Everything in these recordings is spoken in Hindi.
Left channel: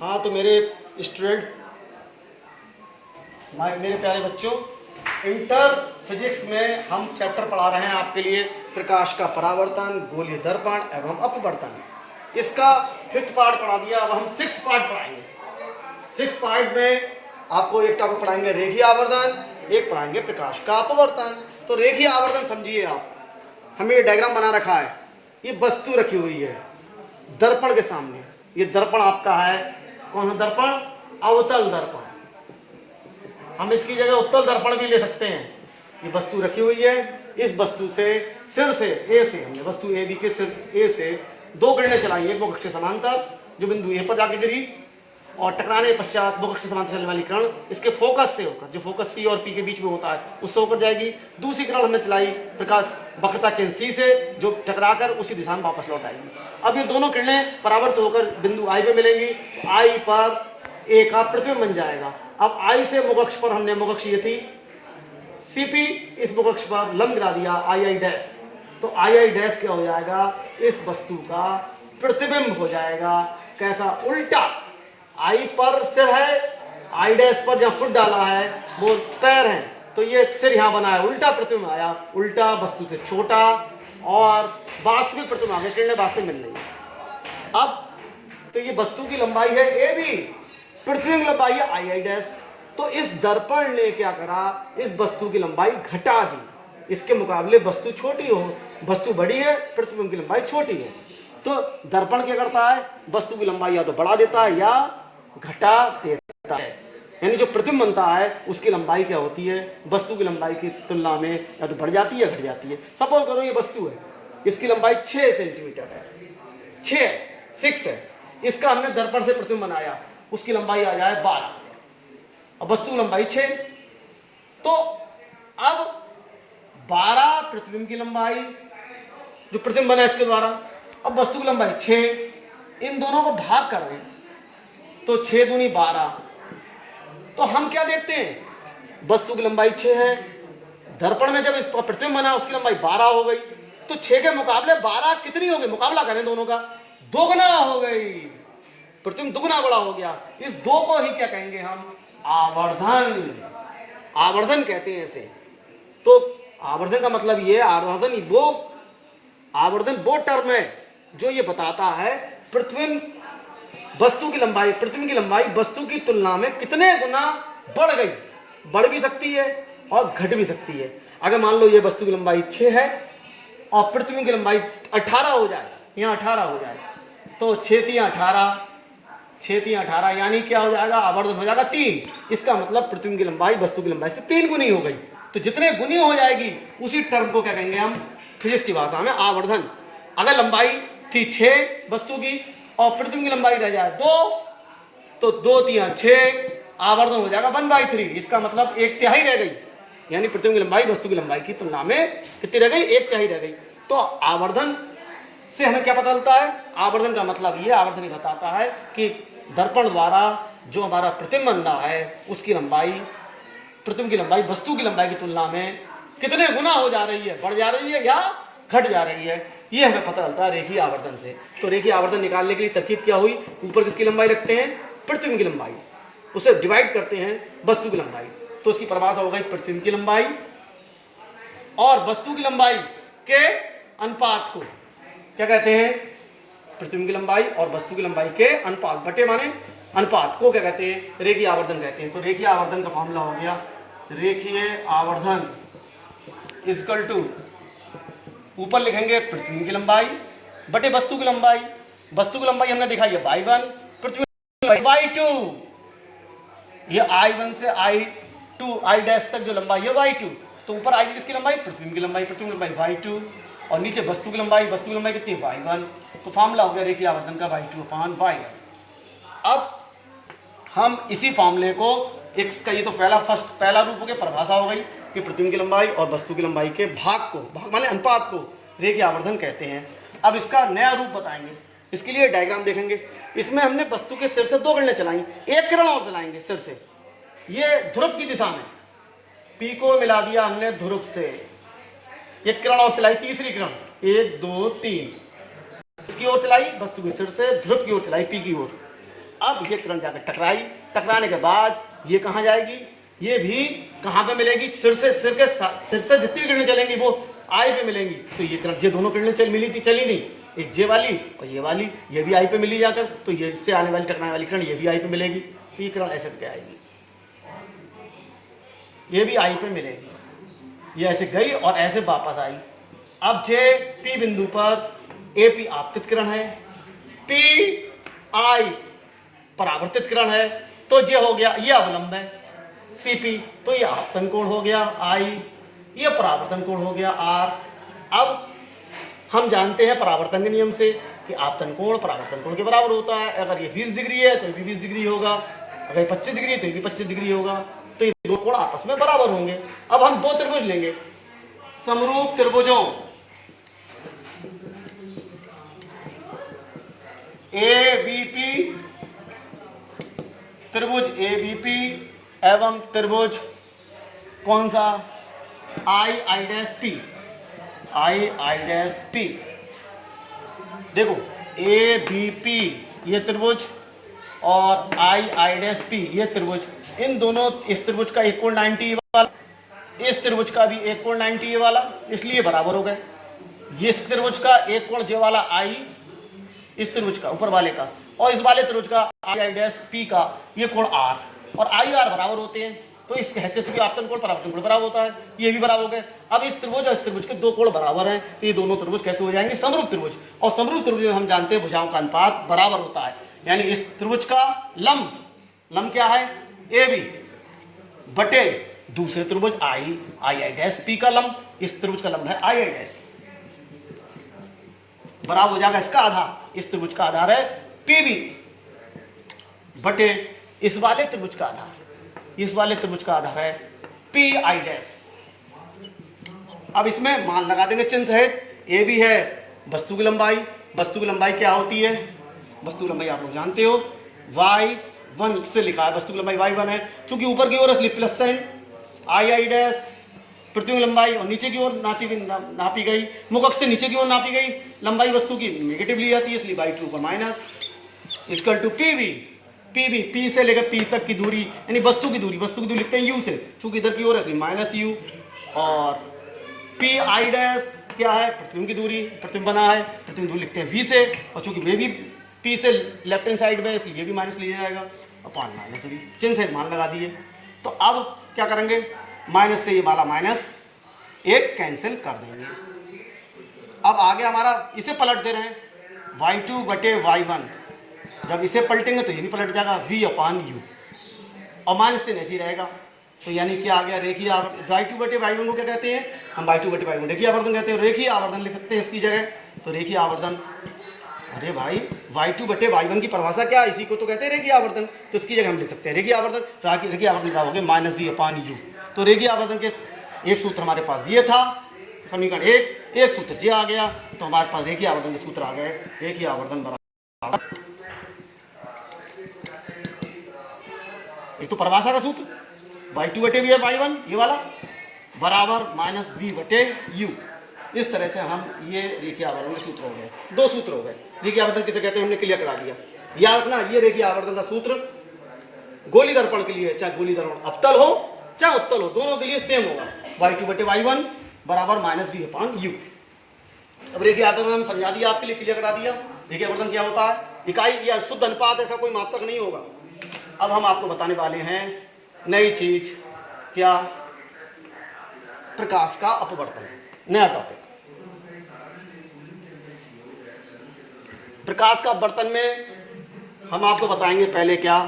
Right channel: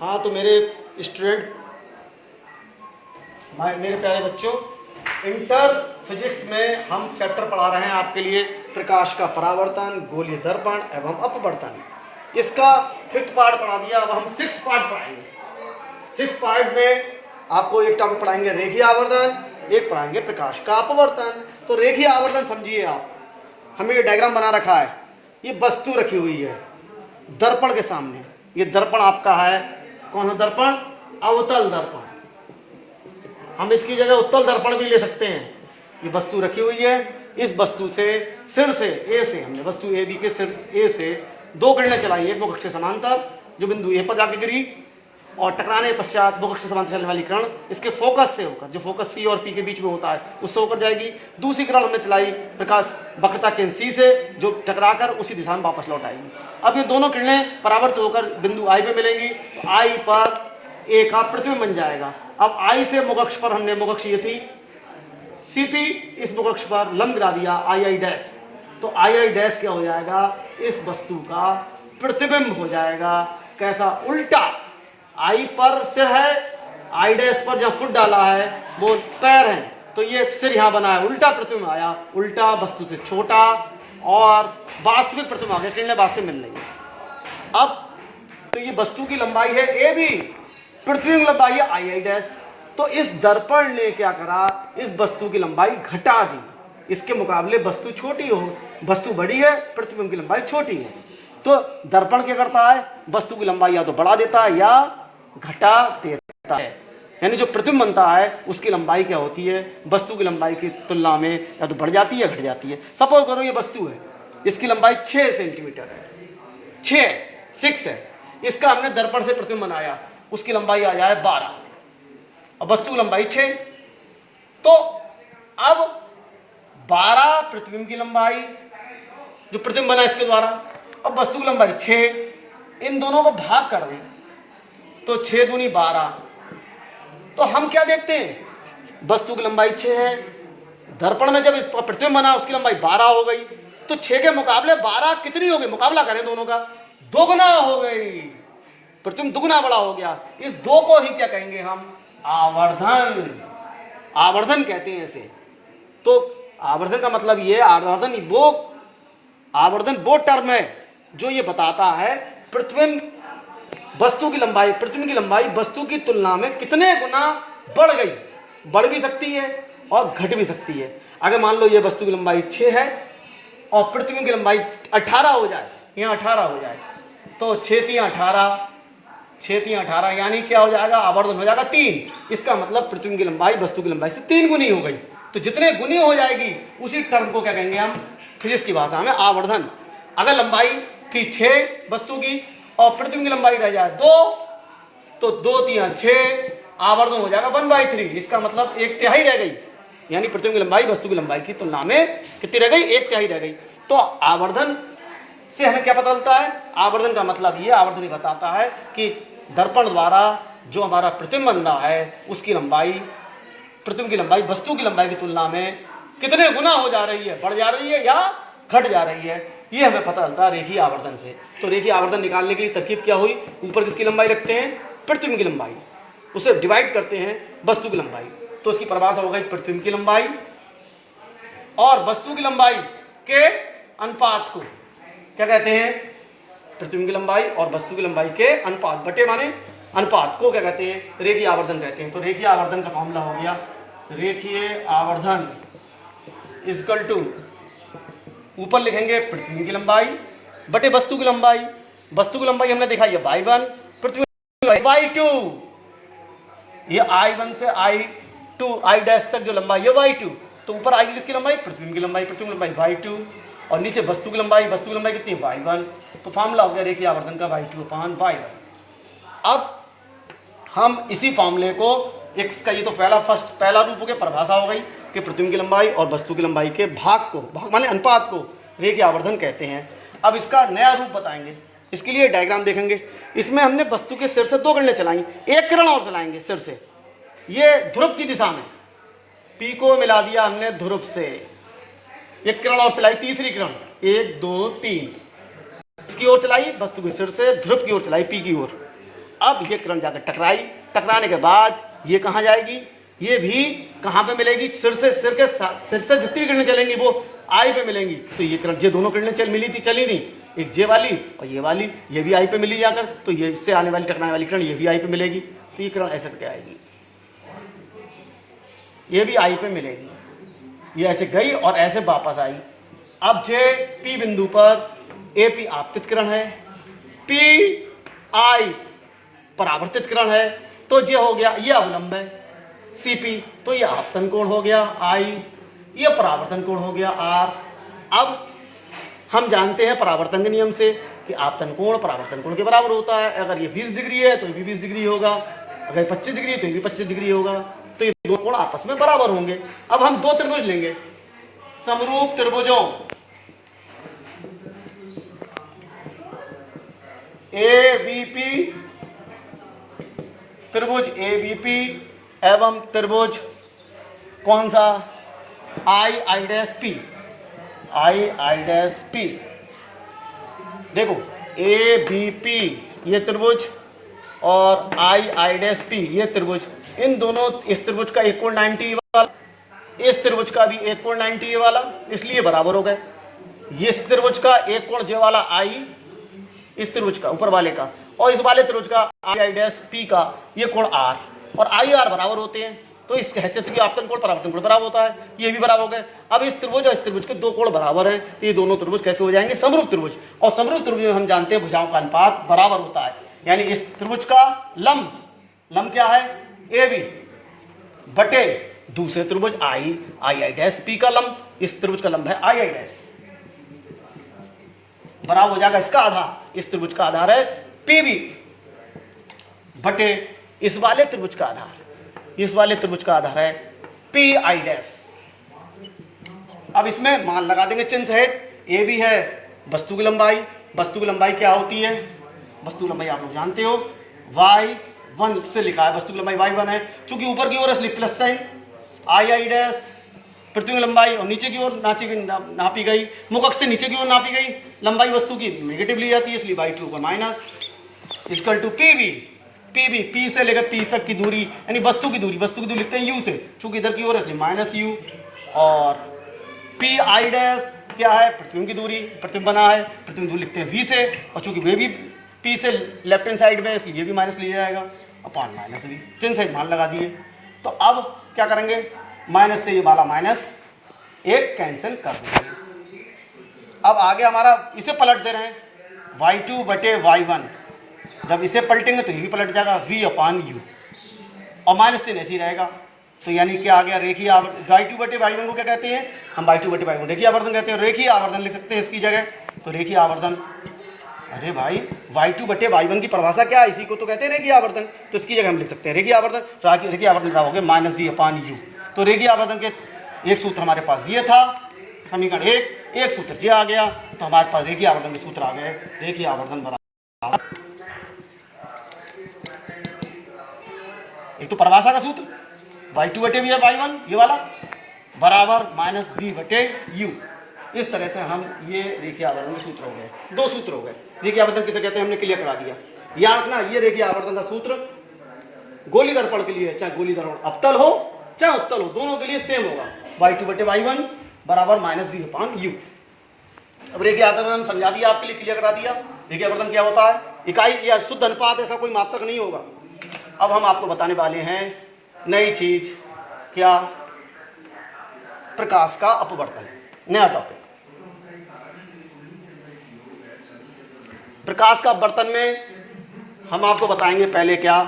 हाँ, तो मेरे स्टूडेंट, मेरे प्यारे बच्चों, इंटर फिजिक्स में हम चैप्टर पढ़ा रहे हैं आपके लिए प्रकाश का परावर्तन, गोलीय दर्पण एवं अपवर्तन। इसका 5th पार्ट पढ़ा दिया। अब हम 6th पार्ट पढ़ाएंगे। 6th पार्ट में आपको एक टॉपिक पढ़ाएंगे रेखीय आवर्धन, एक पढ़ाएंगे प्रकाश का अपवर्तन। तो रेखीय आवर्धन समझिए आप, हमें ये डायग्राम बना रखा है। ये वस्तु रखी हुई है दर्पण के सामने। ये दर्पण आपका है, कौन सा दर्पण? अवतल दर्पण। हम इसकी जगह उत्तल दर्पण भी ले सकते हैं। ये वस्तु रखी हुई है। इस वस्तु से सिर से ए से हमने वस्तु ए बी के सिर ए से दो किरणें चलाई। एक वो कक्ष समांतर जो बिंदु ए पर जाके गिरी, और टकराने पश्चात वो कक्ष समांतर चलने वाली किरण इसके फोकस से होकर, जो फोकस सी और पी के बीच में होता है, उससे होकर जाएगी। दूसरी किरण हमने चलाई प्रकाश वक्रता केंद्र सी से, जो टकराकर उसी दिशा में वापस लौट आएगी। अब ये दोनों किरणें परावर्त होकर बिंदु आई पे मिलेंगी। तो आई पर ए का प्रतिबिंब बन जाएगा। अब आई से मुखअक्ष पर हमने, मुखअक्ष ये थी सीपी, इस मुखअक्ष पर लंब गिरा दिया आई आई डैश। तो आई आई डैश क्या हो जाएगा? इस वस्तु का प्रतिबिंब हो जाएगा। कैसा? उल्टा। आई पर सिर है, आई डैश पर जहां फुट डाला है वो पैर है, तो ये सिर यहां बना है, उल्टा प्रतिबिंब आया। उल्टा वस्तु से छोटा और वास्तविक प्रतिबिंब आ गया, किरणें वास्तविक मिल रही है। अब तो ये वस्तु की लंबाई है ए बी, प्रतिबिंब लंबाई है आई आई डैश। तो इस दर्पण ने क्या करा? इस वस्तु की लंबाई घटा दी। इसके मुकाबले वस्तु छोटी हो, वस्तु बड़ी है, प्रतिबिंब की लंबाई छोटी है। तो दर्पण क्या करता है? वस्तु की लंबाई या तो बढ़ा देता है या घटा देता है। यानी जो प्रतिबिंब बनता है उसकी लंबाई क्या होती है? वस्तु की लंबाई की तुलना में या तो बढ़ जाती है या घट जाती है। सपोज करो ये वस्तु है, इसकी लंबाई 6 सेंटीमीटर है, 6 है। इसका हमने दर्पण से प्रतिबिंब बनाया, उसकी लंबाई आ जाए 12 और वस्तु की लंबाई 6। तो अब 12 प्रतिबिंब की लंबाई जो प्रतिबिंब बना इसके द्वारा, अब वस्तु की लंबाई 6, इन दोनों को भाग कर दें तो 6 दूनी 12। तो हम क्या देखते हैं? वस्तु की लंबाई 6 है, दर्पण में जब इसका प्रतिबिंब बना उसकी लंबाई 12 हो गई। तो 6 के मुकाबले 12 कितनी हो गई? मुकाबला करें दोनों का, दोगुना हो गई। प्रतिबिंब दुगुना बड़ा हो गया। इस दो को ही क्या कहेंगे हम? आवर्धन। आवर्धन कहते हैं इसे। तो आवर्धन का मतलब ये, आवर्धन वो टर्म है जो ये बताता है प्रतिबिंब वस्तु की लंबाई, प्रतिबिंब की लंबाई वस्तु की तुलना में कितने गुना बढ़ गई। बढ़ भी सकती है और घट भी सकती है। अगर मान लो ये वस्तु की लंबाई 6 है और प्रतिबिंब की लंबाई 18 हो जाए, यहाँ 18 हो जाए, तो 6 3 18, 6 3 18, यानी क्या हो जाएगा? आवर्धन हो जाएगा 3। इसका मतलब प्रतिबिंब की लंबाई वस्तु की लंबाई से 3 गुनी हो गई। तो जितने गुनी हो जाएगी उसी टर्म को क्या कहेंगे हम फिजिक्स की भाषा में? आवर्धन। अगर लंबाई थी 6 वस्तु की और प्रतिबिंब की लंबाई रह जाए 2, तो 2 3 6, आवर्धन हो जाएगा 1/3। इसका मतलब 1/3 रह गई, यानी प्रतिबिंब की लंबाई वस्तु की लंबाई की तुलना में कितनी रह गई? 1/3 रह गई। तो आवर्धन से हमें क्या पता चलता है? आवर्धन का मतलब ये, आवर्धन बताता है कि दर्पण द्वारा जो हमारा प्रतिबिंब बन रहा है उसकी लंबाई प्रतिबिंब की लंबाई वस्तु की लंबाई की तुलना में कितने गुना हो जा रही है, बढ़ जा रही है या घट जा रही है। ये हमें पता चलता है रेखीय आवर्धन से। तो रेखीय आवर्धन निकालने के लिए तरकीब क्या हुई? ऊपर किसकी लंबाई रखते हैं? प्रतिबिंब की लंबाई, उसे डिवाइड करते हैं वस्तु की लंबाई। तो उसकी परिभाषा हो गई प्रतिबिंब की लंबाई और वस्तु की लंबाई के अनुपात को क्या कहते हैं? प्रतिबिंब की लंबाई और वस्तु की लंबाई के अनुपात, बटे माने अनुपात को क्या कहते हैं? रेखीय आवर्धन कहते हैं। तो रेखीय आवर्धन का फॉर्मूला हो गया, रेखीय आवर्धन इक्वल टू, ऊपर लिखेंगे प्रतिबिंब की लंबाई बटे वस्तु की लंबाई। वस्तु की लंबाई हमने देखा ये y1, प्रतिबिंब y2। ये I1 से I2 I डैश तक जो लंबाई है y2, तो ऊपर आएगी किसकी लंबाई? प्रतिबिंब की लंबाई, प्रतिबिंब की लंबाई y2, और नीचे वस्तु की लंबाई, वस्तु की लंबाई कितनी? y1। तो फॉर्मूला हो गया रेखीय आवर्धन का y2/y1। अब हम इसी फॉर्मूले को x का, ये तो पहला रूप हो गया, परिभाषा हो गई कि प्रतिबिंब की लंबाई और वस्तु की लंबाई के भाग माने अनुपात को रेखीय आवर्धन कहते हैं। अब इसका नया रूप बताएंगे। इसके लिए डायग्राम देखेंगे। इसमें हमने वस्तु के सिर से 2 किरणें चलाई, एक किरण और चलाएंगे सिर से, ये ध्रुव की दिशा में, P को मिला दिया हमने ध्रुव से, एक किरण और चलाई, तीसरी किरण 1 2 3 इसकी ओर चलाई, वस्तु के सिर से ध्रुव की ओर चलाई, P की ओर। अब ये किरण जाकर टकराई, टकराने के बाद ये कहाँ जाएगी, ये भी कहाँ पे मिलेगी, सिर से जितनी किरणें चलेंगी वो आई पे मिलेंगी। तो ये किरण, ये दोनों किरणें चली थी, एक जे वाली और ये वाली, ये भी आई पे मिली जाकर, तो ये इससे आने वाली टकराने वाली किरण ये भी आई पे मिलेगी। तो ये किरण ऐसे करके आएगी, ये भी आई पे मिलेगी, ये ऐसे गई और ऐसे वापस आई। अब जे पी बिंदु पर ए पी आपतित किरण है, पी आई परावर्तित किरण है, तो ये हो गया, ये अवलंब है सी पी, तो ये आपतन कोण हो गया आई, ये परावर्तन कोण हो गया आर। अब हम जानते हैं परावर्तन के नियम से कि आपतन कोण परावर्तन कोण के बराबर होता है। अगर ये 20 डिग्री है तो ये भी 20 डिग्री होगा, अगर 25 डिग्री है तो ये भी 25 डिग्री होगा, तो ये दो कोण आपस में बराबर होंगे। अब हम दो त्रिभुज लेंगे, समरूप त्रिभुजों ए बी पी, त्रिभुज ए बी पी एवं त्रिभुज कौन सा, I dash P, I dash P. देखो ए बी पी ये त्रिभुज और आई डैश पी ये त्रिभुज, इन दोनों, इस त्रिभुज का एक कोण 90 वाला, इस त्रिभुज का भी एक कोण 90 वाला, इसलिए बराबर हो गए। ये इस त्रिभुज का एक कोण जे वाला आई, इस त्रिभुज का ऊपर वाले का, और इस वाले त्रिभुज का आई डैश पी का ये कोण आर, और आई आर बराबर होते हैं, तो इस हैसियत से आपतन कोण परावर्तन कोण बराबर होता है, ये भी बराबर हो गए। अब इस त्रिभुज और इस त्रिभुज के दो कोण बराबर हैं, तो ये दोनों त्रिभुज कैसे हो जाएंगे, समरूप त्रिभुज। और समरूप त्रिभुज में हम जानते हैं भुजाओं का अनुपात बराबर होता है, यानी इस त्रिभुज का लंब क्या है ए बी बटे दूसरे त्रिभुज आई डैश पी का लंब, इस त्रिभुज का लंब है आई डैश, बराबर हो जाएगा इसका आधार, इस त्रिभुज का आधार है पी बी बटे इस वाले त्रिभुज का आधार, इस वाले त्रिभुज का आधार है पी आई डैश। अब इसमें मान लगा देंगे चिन्ह सहित, ए भी है वस्तु की लंबाई, वस्तु की लंबाई क्या होती है, वस्तु की लंबाई आप लोग जानते हो y1 से लिखा है, वस्तु की लंबाई y1 है, चूंकि ऊपर की ओर इसलिए प्लस साइन, आई डैश पृथ्वी की लंबाई, और नीचे की ओर नापी गई, मुख अक्ष से नीचे की ओर नापी गई लंबाई वस्तु की नेगेटिव ली जाती है, इसलिए y2 का माइनस इक्वल टू पी से लेकर पी तक की दूरी, यानी वस्तु की दूरी लिखते हैं u से, चूंकि इधर की ओर है इसलिए माइनस u, और पी आई डैश क्या है, प्रतिबिंब की दूरी, प्रतिबिंब बना है, प्रतिबिंब दूरी लिखते हैं v से, और चूंकि वे भी p से लेफ्ट हैंड साइड में, इसलिए ये भी माइनस लिया जाएगा अपॉन माइनस v, चिन्ह सहित मान लगा दिए। तो अब क्या करेंगे, माइनस से ये वाला माइनस एक कैंसिल कर देंगे। अब आगे हमारा इसे पलट दे रहे हैं, y2 बटे y1, जब इसे पलटेंगे तो ये भी पलट जाएगा v अपॉन u, और माइनस से ऐसे ही रहेगा, तो यानी क्या आ गया, रेखीय y2 बटे y1 को क्या कहते हैं, हम y2 बटे y1 रेखीय आवर्धन कहते हैं, रेखीय आवर्धन लिख सकते हैं इसकी जगह, तो रेखीय आवर्धन, अरे भाई y2 बटे y1 की परिभाषा क्या है, इसी को तो कहते हैं रेखीय आवर्धन, तो इसकी जगह हम लिख सकते हैं रेखीय आवर्धन, रेखीय आवर्धन क्या हो गया माइनस v अपॉन u। तो रेखीय आवर्धन के एक सूत्र हमारे पास ये था, समीकरण एक सूत्र ये आ गया, तो हमारे पास रेखीय आवर्धन के सूत्र आ गए, रेखीय आवर्धन बराबर, एक तो परिभाषा का सूत्र y2 बटे v है y1 ये वाला बराबर माइनस v बटे u। इस तरह से हम ये रेखीय आवर्धन के सूत्र हो गए, दो सूत्र हो गए। रेखीय आवर्धन किसे कहते हैं हमने क्लियर करा दिया, याद रखना ये रेखीय आवर्धन का सूत्र गोली दर्पण के लिए, चाहे गोली दर्पण अवतल हो चाहे उत्तल हो, दोनों के लिए सेम होगा, y2 बटे y1 बराबर माइनस v अपॉन u। अब रेखीय आवर्धन हम समझा दिया, आपके लिए क्लियर करा दिया। रेखीय आवर्धन क्या होता है, इकाई या शुद्ध अनुपात, ऐसा कोई मात्रक नहीं होगा। अब हम आपको बताने वाले हैं नई चीज, क्या, प्रकाश का अपवर्तन, नया टॉपिक। प्रकाश का अपवर्तन में हम आपको बताएंगे पहले क्या,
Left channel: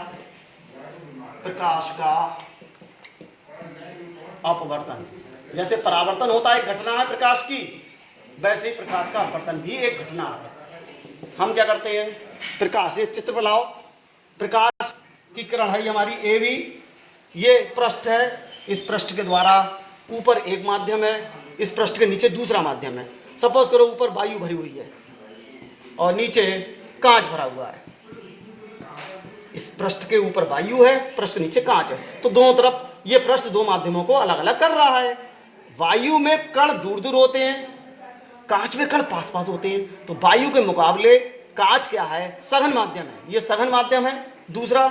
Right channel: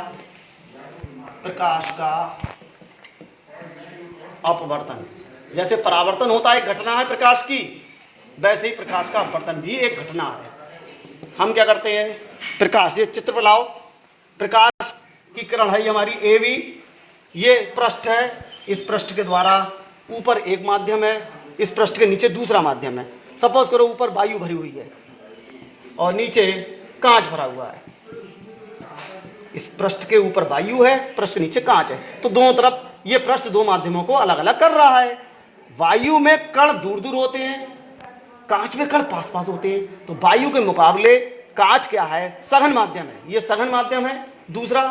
प्रकाश का अपवर्तन, जैसे परावर्तन होता है घटना है प्रकाश की, वैसे ही प्रकाश का अपवर्तन भी एक घटना है। हम क्या करते हैं, प्रकाश, ये चित्र पर लाओ, प्रकाश की किरण है ये हमारी ए बी, ये पृष्ठ है, इस पृष्ठ के द्वारा ऊपर एक माध्यम है, इस पृष्ठ के नीचे दूसरा माध्यम है। सपोज करो ऊपर वायु भरी हुई है और नीचे कांच भरा हुआ है, इस पृष्ठ के ऊपर वायु है, पृष्ठ के नीचे कांच है, तो दोनों तरफ ये पृष्ठ दो माध्यमों को अलग अलग कर रहा है। वायु में कण दूर दूर होते हैं, कांच में कण पास पास होते हैं, तो वायु के मुकाबले कांच क्या है, सघन माध्यम है, ये सघन माध्यम है, दूसरा,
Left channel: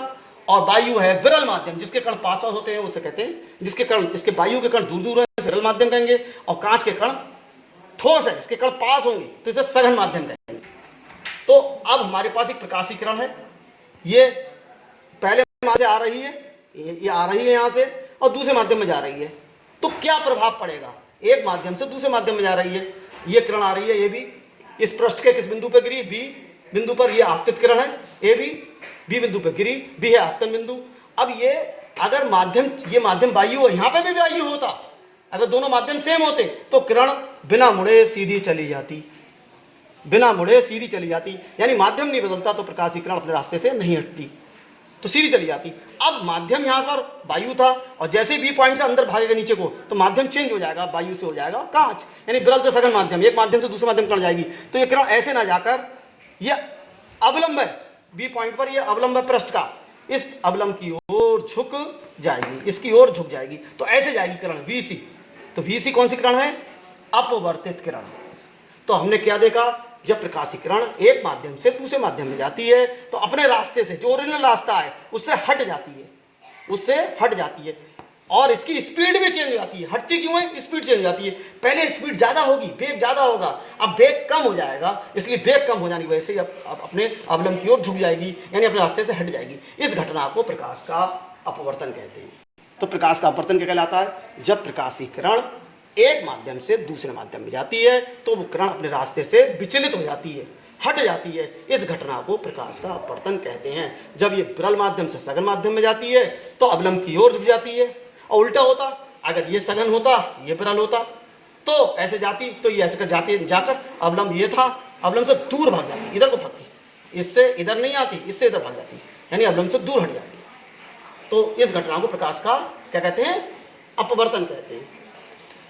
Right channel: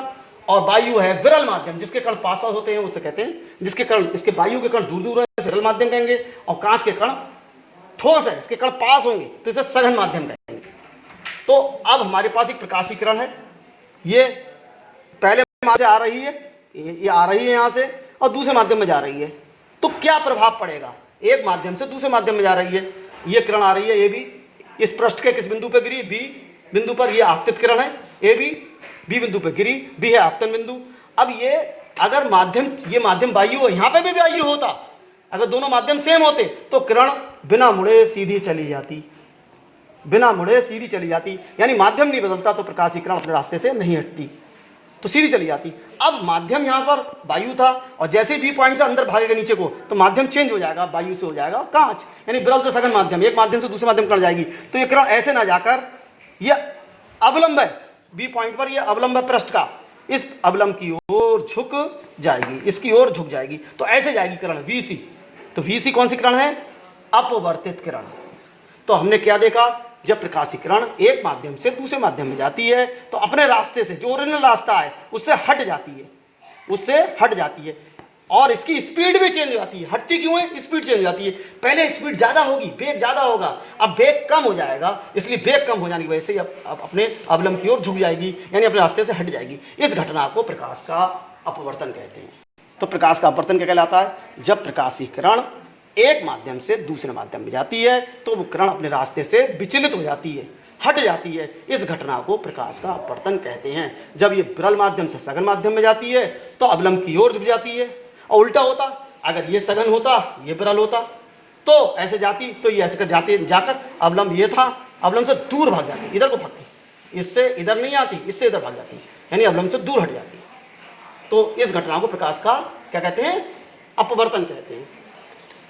और वायु है विरल माध्यम, जिसके कण पास पास होते हैं उसे कहते हैं, जिसके कण, इसके वायु के कण दूर दूर है इसे विरल माध्यम कहेंगे, और कांच के कण ठोस है इसके कण पास होंगे तो इसे सघन माध्यम कहेंगे। तो अब हमारे पास एक प्रकाशीय किरण है, ये पहले माध्यम से आ रही है, ये आ रही है यहां से और दूसरे माध्यम में जा रही है, तो क्या प्रभाव पड़ेगा? एक माध्यम से दूसरे माध्यम में जा रही है, ये किरण आ रही है, ये भी इस पृष्ठ के किस बिंदु पर गिरी? बी बिंदु पर, ये आपतित किरण है, ए भी बी बिंदु पर गिरी, बी है आपतन बिंदु। अब ये अगर माध्यम, ये माध्यम वायु हो, यहां पे भी वायु होता, अगर दोनों माध्यम सेम होते तो किरण बिना मुड़े सीधी चली जाती, बिना मुड़े सीधी चली जाती, यानी माध्यम नहीं बदलता तो प्रकाशीय किरण अपने रास्ते से नहीं हटती, तो सीधी चली जाती। अब माध्यम यहां पर वायु था और जैसे बी पॉइंट से अंदर भागेगा नीचे को तो माध्यम चेंज हो जाएगा, वायु से हो जाएगा कांच, यानी विरल से सघन माध्यम, एक माध्यम से दूसरे माध्यम कर जाएगी। तो ये किरण ऐसे ना जाकर, ये अवलंब है बी पॉइंट पर, ये अवलंब है पृष्ठ का, इस अवलंब की ओर झुक जाएगी, इसकी ओर झुक जाएगी, तो ऐसे जाएगी किरण वीसी। तो वीसी कौन सी किरण है? अपवर्तित किरण। तो हमने क्या देखा, जब प्रकाशीय किरण एक माध्यम से दूसरे माध्यम में जाती है तो अपने रास्ते से, जो ओरिजिनल रास्ता है उससे हट जाती है, उससे हट जाती है, और इसकी स्पीड भी चेंज हो जाती है। हटती क्यों है? स्पीड चेंज हो जाती है। पहले स्पीड ज्यादा होगी, वेग ज्यादा होगा, अब वेग कम हो जाएगा, इसलिए वेग कम हो जाने की वजह से अब अपने अवलंब की ओर झुक जाएगी, यानी अपने रास्ते से हट जाएगी। इस घटना को प्रकाश का अपवर्तन कहते हैं। तो प्रकाश का अपवर्तन क्या कहलाता है? जब प्रकाशीय किरण एक माध्यम से दूसरे माध्यम में जाती है तो वो किरण अपने रास्ते से विचलित हो जाती है, हट जाती है, इस घटना को प्रकाश का अपवर्तन कहते हैं। जब ये विरल माध्यम से सघन माध्यम में जाती है तो अवलंब की ओर झुक जाती है, और उल्टा होता, अगर ये सघन होता ये विरल होता तो ऐसे जाती, तो ये ऐसे कर जाती, जाकर अवलंब ये था, अवलंब से दूर भाग जाती, इधर को भागती, इससे इधर नहीं आती, इससे इधर भाग जाती, यानी अवलंब से दूर हट जाती। तो इस घटना को प्रकाश का क्या कहते हैं? अपवर्तन कहते हैं।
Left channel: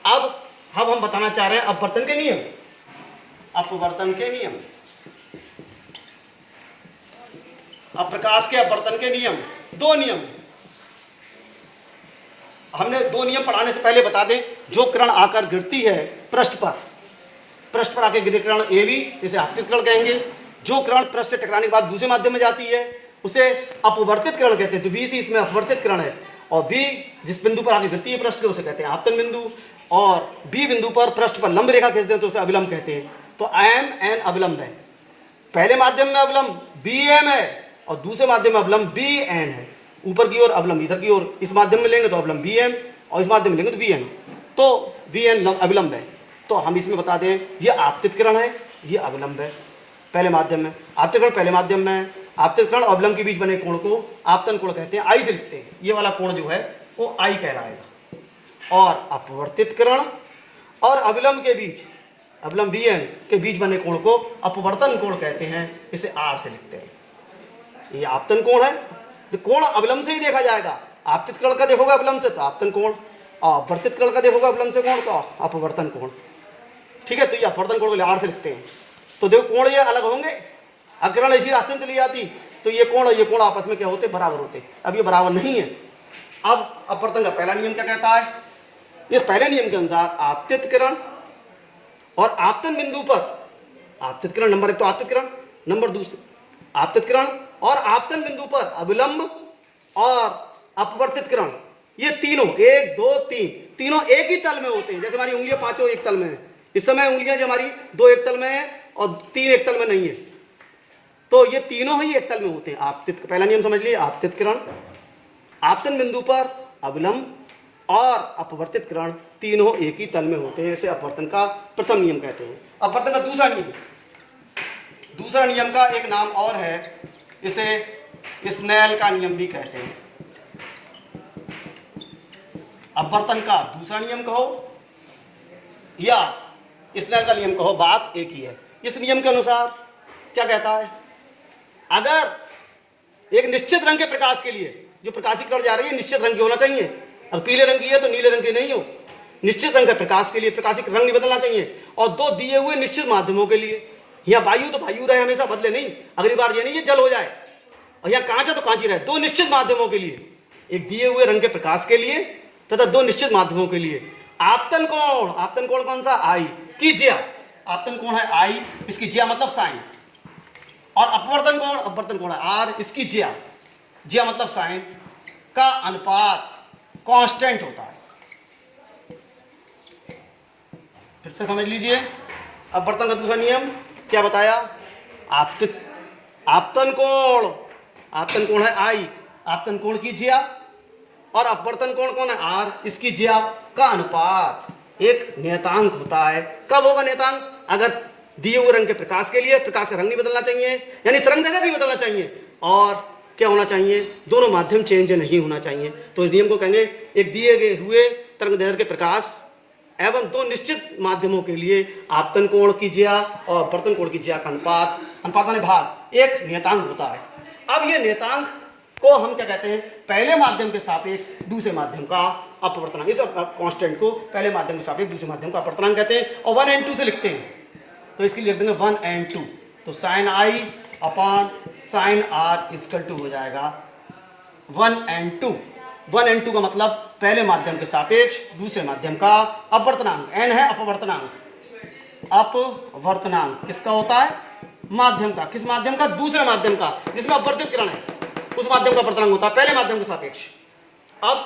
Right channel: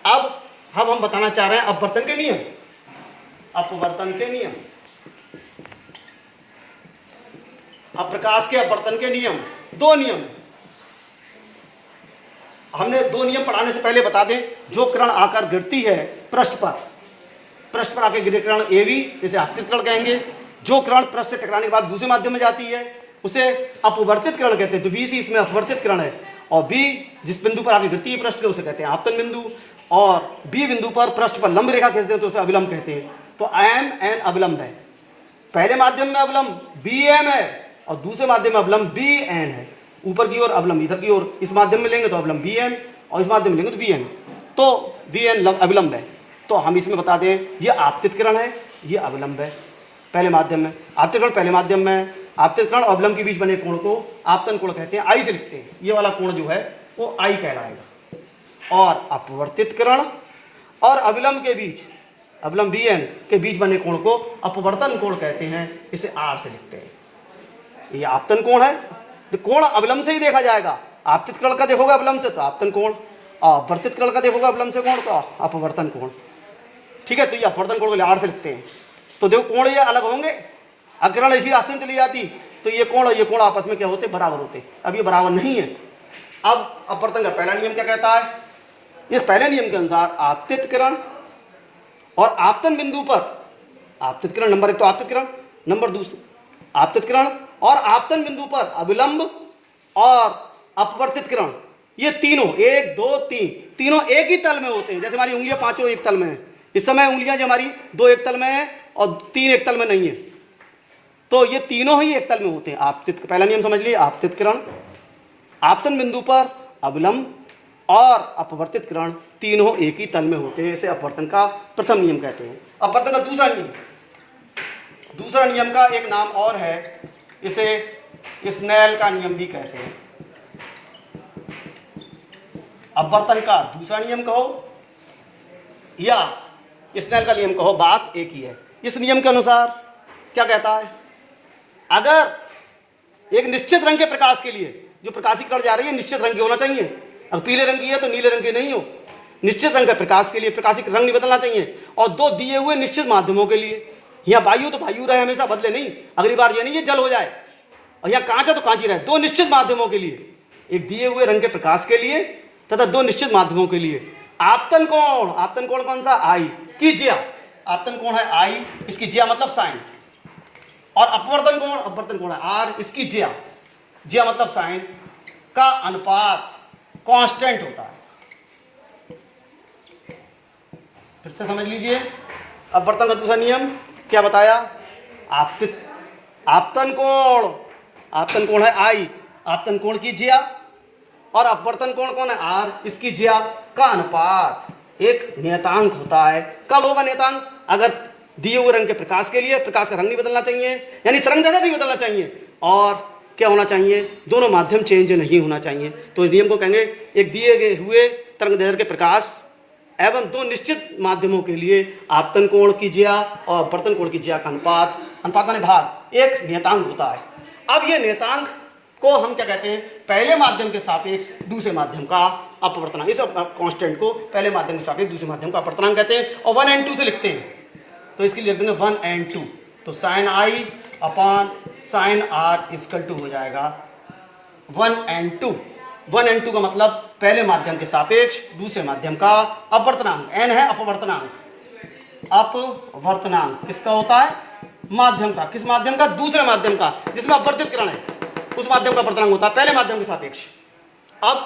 अब हम बताना चाह रहे हैं अपवर्तन के नियम, अपवर्तन के नियम। अब प्रकाश के अपवर्तन के नियम, दो नियम हमने, दो नियम पढ़ाने से पहले बता दें। जो किरण आकर गिरती है पृष्ठ पर आकर गिरे किरण ए बी, इसे आपतित किरण कहेंगे। जो किरण पृष्ठ से टकराने के बाद दूसरे माध्यम में जाती है उसे अपवर्तित किरण कहते हैं। तो बी सी इसमें अपवर्तित किरण है, और बी जिस बिंदु पर आगे गिरती है पृष्ठ के उसे कहते हैं आपतन बिंदु, और बी बिंदु पर पृष्ठ पर लंब रेखा खींचते हैं तो उसे अविलंब कहते हैं। तो एम एन अविलंब है, पहले माध्यम में अवलंब बी एम है और दूसरे माध्यम में अवलंब बी एन है, ऊपर की ओर अवलंब इधर की ओर, इस माध्यम में लेंगे तो अवलंब बी एन और इस माध्यम में लेंगे तो वी एन, तो वी एन अविलंब है। तो हम इसमें बता दें ये आपतित किरण है, ये अविलंब है पहले माध्यम में, आपतित किरण पहले माध्यम में, आपतित किरण और अवलंब के बीच बने कोण को आपतन कोण कहते हैं, आई से लिखते हैं, ये वाला कोण जो है वो आई कहलाएगा। और अपवर्तित किरण और अविलंब के बीच, अविलंब बी एन के बीच बने कोण को अपवर्तन कोण कहते हैं, इसे आर से लिखते हैं। ये आपतन कोण है, तो कोण अविलंब से ही देखा जाएगा, आपतित किरण का देखोगे अविलंब से तो आपतन कोण, और अपवर्तित किरण का देखोगे अविलंब से कोण तो अपवर्तन कोण। ठीक है, तो ये अपवर्तन कोण को आर से लिखते हैं। तो देखो कोण ये अलग होंगे, अगर किरण इसी रास्ते में चली जाती तो ये कोण और ये कोण आपस में क्या होते? बराबर होते। अब ये बराबर नहीं है। अब अपवर्तन का पहला नियम क्या कहता है? इस पहले नियम के अनुसार आपतित किरण और आपतन बिंदु पर, आपतित किरण नंबर एक तो आपतित किरण, नंबर दूसरा आपतित किरण और आपतन बिंदु पर अविलंब और अपवर्तित किरण, ये तीनों एक दो तीन, तीनों एक ही तल में होते हैं। जैसे हमारी उंगलियां पांचों एक तल में है, इस समय उंगलियां जो हमारी दो एक तल में है और तीन एक तल में नहीं है, तो ये तीनों ही एक तल में होते हैं। आपतित, पहला नियम समझ लीजिए, आपतित किरण, आपतन बिंदु पर अविलंब और अपवर्तित किरण तीनों एक ही तल में होते हैं, इसे अपवर्तन का प्रथम नियम कहते हैं। अपवर्तन का दूसरा नियम, दूसरा नियम का एक नाम और है, इसे स्नेल का नियम भी कहते हैं। अपवर्तन का दूसरा नियम कहो या स्नेल का नियम कहो, बात एक ही है। इस नियम के अनुसार क्या कहता है? अगर एक निश्चित रंग के प्रकाश के लिए, जो प्रकाशीय किरण जा रही है निश्चित रंग की होना चाहिए, अगर पीले रंग की है तो नीले रंग की नहीं हो, निश्चित रंग के प्रकाश के लिए प्रकाशीय रंग नहीं बदलना चाहिए। और दो दिए हुए निश्चित माध्यमों के लिए, यहाँ वायु तो वायु रहे हमेशा, बदले नहीं, अगली बार ये नहीं ये जल हो जाए, और यहाँ कांच है तो कांच ही रहे। दो निश्चित माध्यमों के लिए, एक दिए हुए रंग के प्रकाश के लिए तथा दो निश्चित माध्यमों के लिए। आपतन कोण, आपतन कोण कौन सा? आई की ज्या, आपतन कोण है आई, इसकी ज्या मतलब साइन। और अपवर्तन कोण, अपवर्तन कोण है आर, इसकी ज्या। ज्या मतलब साइन का अनुपात कांस्टेंट होता है। फिर से समझ लीजिए। अपवर्तन का दूसरा नियम क्या बताया? आपतन कोण है आई, आपतन कोण की ज्या, और अपवर्तन कोण कौन है आर, इसकी ज्या का अनुपात एक नियतांक होता है। कब होगा नियतांक? अगर दिए हुए रंग के प्रकाश के लिए प्रकाश का रंग नहीं बदलना चाहिए, यानी तरंग दैर्घ्य नहीं बदलना चाहिए, और क्या होना चाहिए? दोनों माध्यम चेंज नहीं होना चाहिए। तो इस नियम को कहेंगे एक दिए हुए तरंग दैर्घ्य के प्रकाश एवं दो निश्चित माध्यमों के लिए आपतन कोण की ज्या और अपवर्तन कोण की ज्या का अनुपात भाग एक नियतांक होता है। अब ये नियतांक को हम क्या कहते हैं? पहले माध्यम के सापेक्ष दूसरे माध्यम का अपवर्तनांक। इस कांस्टेंट को पहले माध्यम के सापेक्ष दूसरे माध्यम का अपवर्तनांक कहते हैं, और 1 और 2 से लिखते हैं। तो इसके लिए लिख देंगे 1 और 2। तो sine i upon sine r equal to हो जाएगा 1 और 2। 1 और 2 का मतलब पहले माध्यम के सापेक्ष दूसरे माध्यम का अपवर्तनांक। n है अपवर्तनांक। अपवर्तनांक किसका होता है? माध्यम का। किस माध्यम का? दूसरे माध्यम का, जिसमें अपवर्तित किरण है, उस माध्यम का अपवर्तनांक होता है पहले माध्यम के सापेक्ष। अब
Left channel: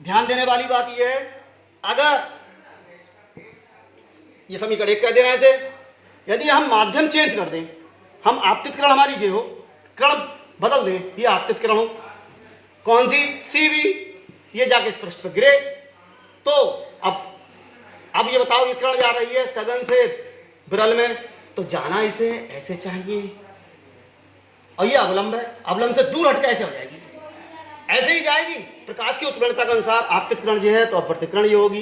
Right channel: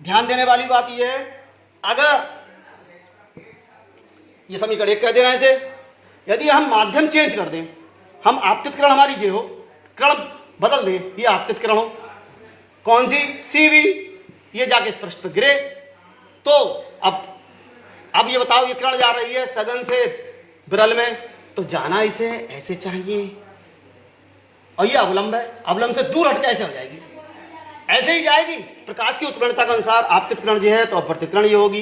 ध्यान देने वाली बात यह है, अगर ये समीकरण एक कह देना है इसे, यदि हम माध्यम चेंज कर दें, हम आपतित किरण हमारी ये हो, किरण बदल दें, ये आपतित किरण हो, कौन सी? CV, ये जाके इस पृष्ठ पर गिरे, तो अब ये बताओ, ये किरण जा रही है सघन से विरल में, तो जाना इसे ऐसे चाहिए, और ये अवलंब है, अवलंब से दूर हटके ऐसे हो जाएगी, ऐसे ही जाएगी। प्रकाश की उत्कीर्णता के अनुसार आपतित किरण जो है तो अपवर्तित किरण ये होगी।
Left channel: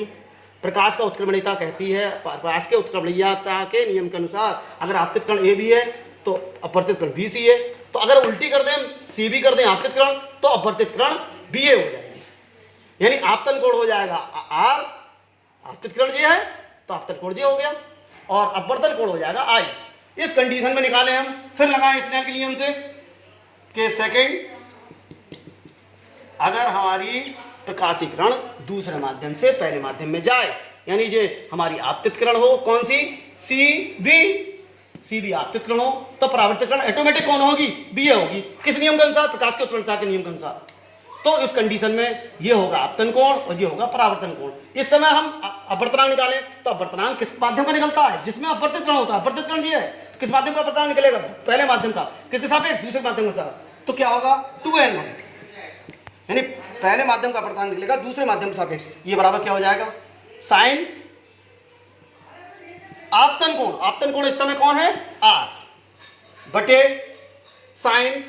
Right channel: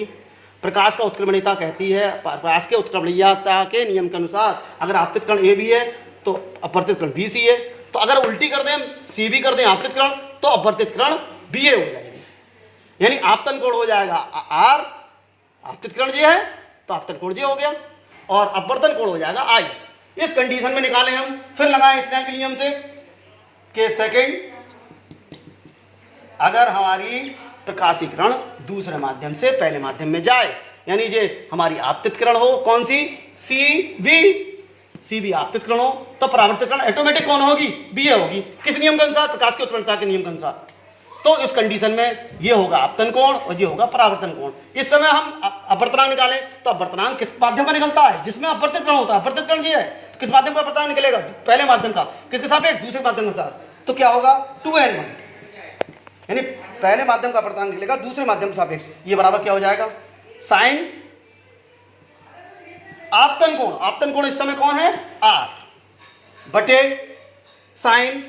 प्रकाश का उत्क्रमणीयता कहती है, प्रकाश के उत्क्रमणीयता के नियम के अनुसार अगर आपतित किरण ए भी है तो अपवर्तित किरण बी सी है। तो अगर उल्टी कर दें, सी भी कर दें आपतित किरण, तो अपवर्तित किरण बी ए हो जाएगी, यानी आपतन कोण हो जाएगा आर, आपतित किरण जे है तो आपतन कोण जे हो गया, और अपवर्तन कोण हो जाएगा आई। इस कंडीशन में निकालें हम, फिर लगाएं स्नेल के नियम से कि सेकंड, अगर हमारी प्रकाशी किरण दूसरे माध्यम से पहले माध्यम में जाए, यानी ये हमारी आपतित किरण हो, कौन सी? सी भी आपतित किरण हो, तो परावर्तित किरण ऑटोमेटिक कौन होगी? बी होगी। किस नियम के अनुसार? प्रकाश की उत्कीर्णता के नियम के अनुसार। तो इस कंडीशन में ये होगा आपतन कोण और ये होगा परावर्तन कोण। इस समय हम अपवर्तनांक निकालें, तो अपवर्तनांक किस माध्यम का निकलता है? जिसमें अपवर्तित किरण होता है। अपवर्तित किरण ये है, तो किस माध्यम का अपवर्तनांक निकलेगा? पहले माध्यम का। किसके सापेक्ष? दूसरे माध्यम के साथ। तो क्या होगा? 2n1, यानी पहले माध्यम का अपवर्तनांक निकलेगा दूसरे माध्यम के सापेक्ष। ये बराबर क्या हो जाएगा? साइन आपतन कोण, आपतन कोण इस समय कौन है? आर, बटे साइन,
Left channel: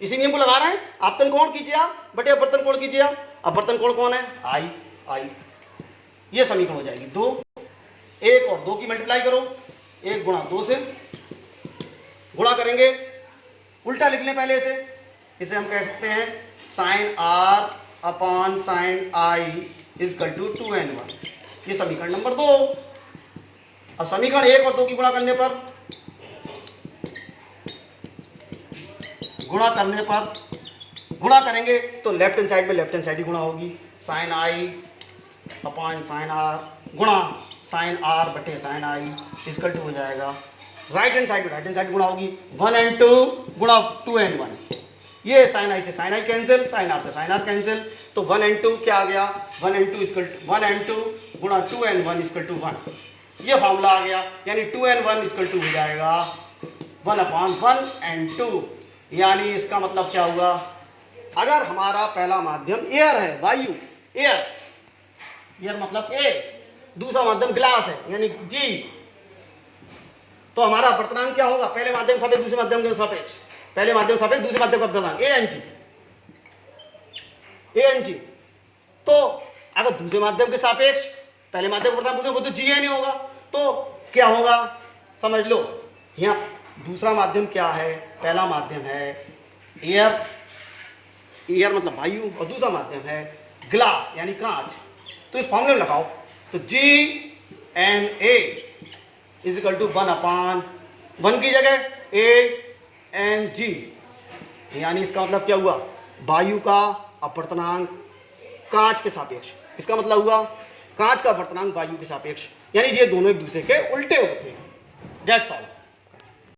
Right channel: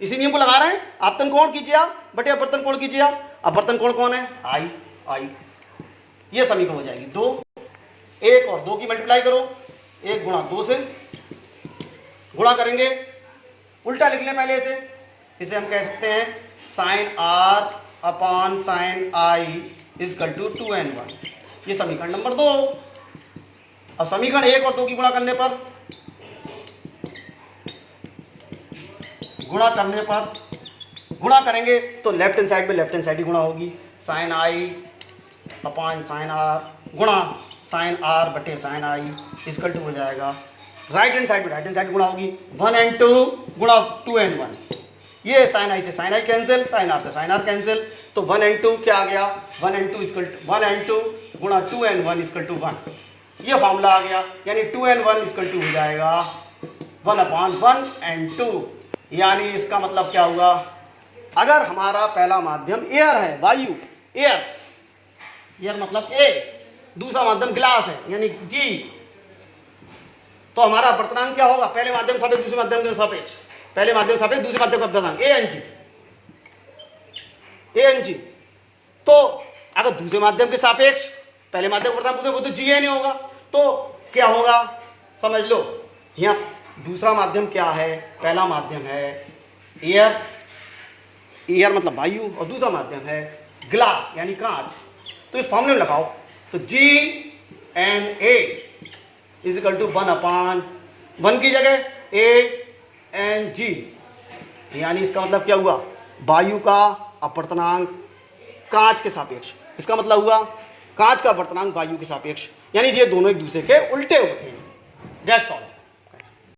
इसी नियम को लगा रहे हैं, आपतन कोण कीजिए बटे अपवर्तन कोण कीजिए। अपवर्तन कोण कौन है? आई। ये समीकरण हो जाएगी 2, 1 और 2 की मल्टीप्लाई करो, 1 गुणा 2 से गुणा करेंगे, उल्टा लिख लें पहले इसे हम कह सकते हैं sine r upon sine i equal to 2n1। ये समीकरण नंबर 2। अब समीकरण 1 और 2 की गुणा करेंगे तो लेफ्ट हैंड साइड में लेफ्ट हैंड साइड ही गुणा होगी। Sine i upon sine r गुणा साइन आर बटे साइन आई इजकल टू हो जाएगा राइट हैंड साइड गुणा होगी 1 और 2 गुणा 2n1। ये साइन आई से sine i cancel, sine r से साइन आर कैंसिल, तो 1 और 2 क्या आ गया? 1 और 2 गुणा 2n1 इजकल टू 1। ये फार्मूला आ गया, यानी 2n1 इजकल टू हो जाएगा 1/1 और 2। यानी इसका मतलब क्या हुआ? अगर हमारा पहला माध्यम एयर है, वायु, एयर मतलब ए, दूसरा माध्यम ग्लास है यानी जी, तो हमारा अपवर्तनांक क्या होगा? पहले माध्यम सापेक्ष दूसरे माध्यम के सापेक्ष, पहले माध्यम सापेक्ष दूसरे माध्यम का अपवर्तनांक ANG। तो अगर दूसरे माध्यम के सापेक्ष पहले माध्यम का अपवर्तनांक वो तो GN होगा, तो क्या होगा समझ लो। यहाँ दूसरा माध्यम क्या है? पहला माध्यम है एयर मतलब वायु, और दूसरा माध्यम है ग्लास यानी कांच। तो इस फॉर्मूले में लगाओ, तो GNA इजकल टू 1/1 की जगह ANG, यानी इसका मतलब क्या हुआ? वायु का अपवर्तनांक कांच के सापेक्ष। इसका मतलब हुआ कांच का अपवर्तनांक वायु के सापेक्ष, यानी ये दोनों एक दूसरे के उल्टे होते हैं। That's all.